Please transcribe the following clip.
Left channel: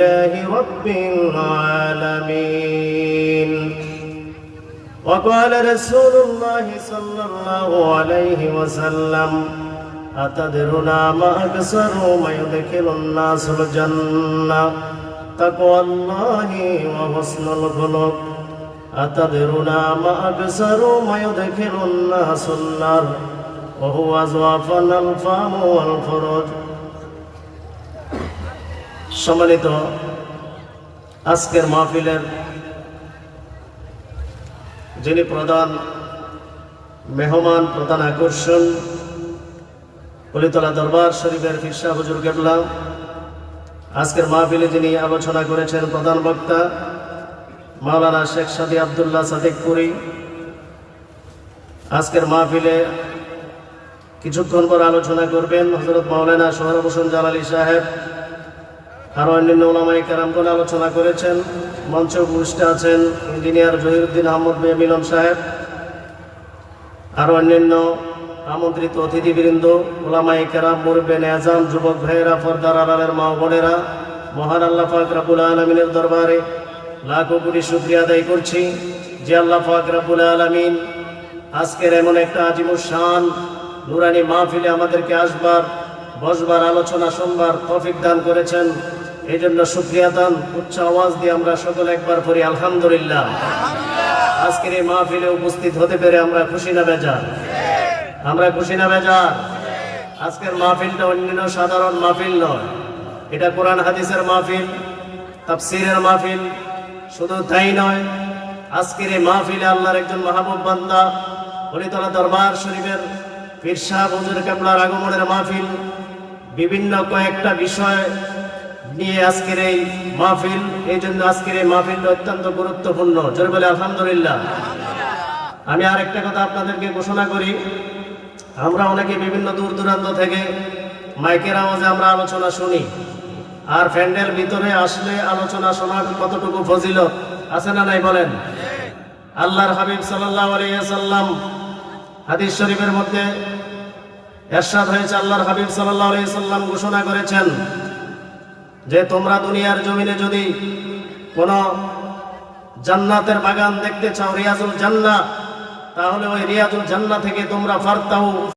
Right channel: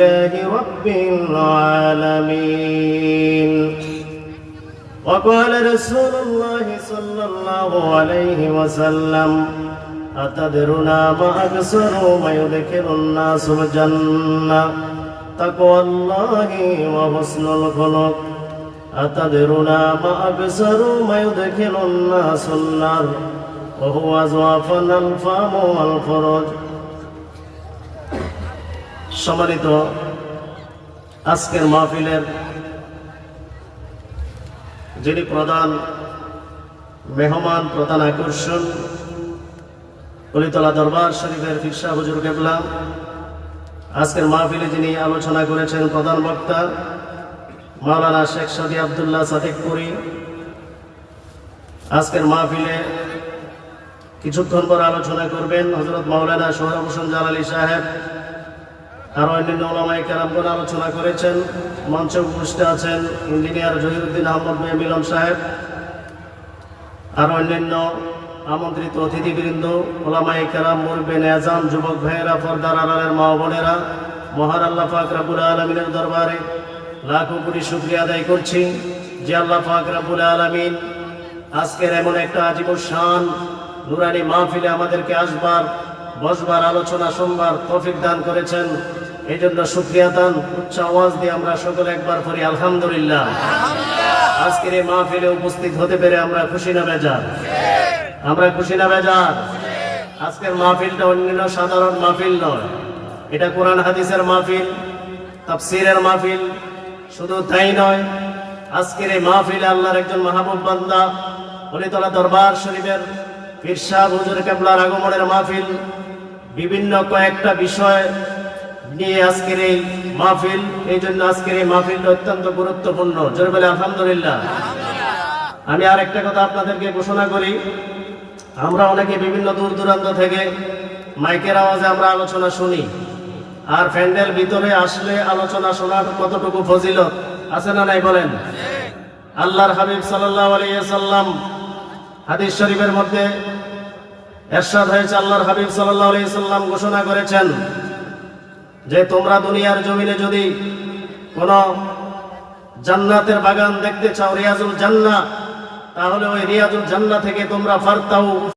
لله رب العالمين. وقال رسول الله صلى الله عليه وسلم: أتدرون ما أكثر ما يدخل الناس الجنة؟ تقوى الله وحسن الخلق. أتدرون ما أكثر ما يدخل الناس النار؟ وهو ضعفنا الفم والفرج. সম্মানিত আজকের মাহফিলের যিনি প্রধান মেহমান, প্রধান আকর্ষণ, কলিতলা দরবার শরীফের পীর সাহেব হুজুর কেবলা, আজকের মাহফিলে যিনি আলোচনা করেছেন প্রধান বক্তা মাওলানা শেখ সাদি আব্দুল্লাহ সাদিকপুরি, আজকের মাহফিলে কিছুক্ষণ পর আলোচনা করবেন হযরত মাওলানা সোহরাব হোসেন জালালী সাহেব। আরো অন্যান্য ওলামায়ে কেরামগণ আলোচনা করেছেন। মঞ্চে উপস্থিত আছেন ইঞ্জিনিয়ার জহিরুদ্দিন আহমদ মিয়া মিলন সাহেব, আরো অন্যান্য আমন্ত্রিত অতিথিবৃন্দ, ওলামায়ে কেরাম, মুরব্বিয়ানে আযম, যুবক ভাইয়েরা, পর্দার আড়ালের মা ও বোনেরা, মহান আল্লাহ পাক রব্বুল আলামিনের দরবারে লাখো কোটি শুকরিয়া আদায় করছি যে আল্লাহ পাক রব্বুল আলামিন আজকের এমন একটা আজিমুশ শান নুরানি মাহফিলে আমাদেরকে আসবার, বসবার, আলোচনা শুনবার তৌফিক দান করেছেন। এই জন্য শুকরিয়া দান উচ্চ আওয়াজ দিয়ে আমরা সকলে একবার করি আলহামদুলিল্লাহ। আজকের এই মাহফিলে উপস্থিত হতে পেরে আমরা খুশি না বেজার? আমরা খুশি না বেজার? আজকের মাহফিলটা অন্যান্য সাধারণ মাহফিল নয়, এটা কোরআন হাদিসের মাহফিল, তাফসীরের মাহফিল। শুধু তাই নয়, আজকের এই মাহফিলে আল্লাহর একজন মাহবুব বান্দা কলিতলা দরবার শরীফের পীর সাহেব হুজুর কেবলার আগমনের মাহফিল। বিভিন্ন কয়েকটা বিষয় নিয়ে আজকের এই মাহফিল, এই জন্য আজকের এই মাহফিলটা অত্যন্ত গুরুত্বপূর্ণ। জোরে বলে আলহামদুলিল্লাহ। আমি আর একটা কথা আপনাদেরকে ঘোষণা করি, আমরা অনেকে বিভিন্ন দূর দূরান্ত থেকে মাইকের আওয়াজে আমরা আলোচনা শুনি, আর প্যান্ডেল ভিতরে আসলে আলোচনা শোনার কতটুকু ফজিলত আছে না নাই বলেন? আল্লাহর হাবিব সাল্লাল্লাহু আলাইহি ওয়াসাল্লাম হাদিস শরীফের মধ্যে ইরশাদ হয়েছে, আল্লাহর হাবিব সাল্লাল্লাহু আলাইহি ওয়াসাল্লাম ঘোষণা করেছেন যে তোমরা দুনিয়ার জমিনে যদি কোন জান্নাতের বাগান দেখতে চাও, রিয়াজুল জান্নাহ, তাহলে ওই রিয়াজুল জান্নাহ থেকে তোমরা ফারতাউ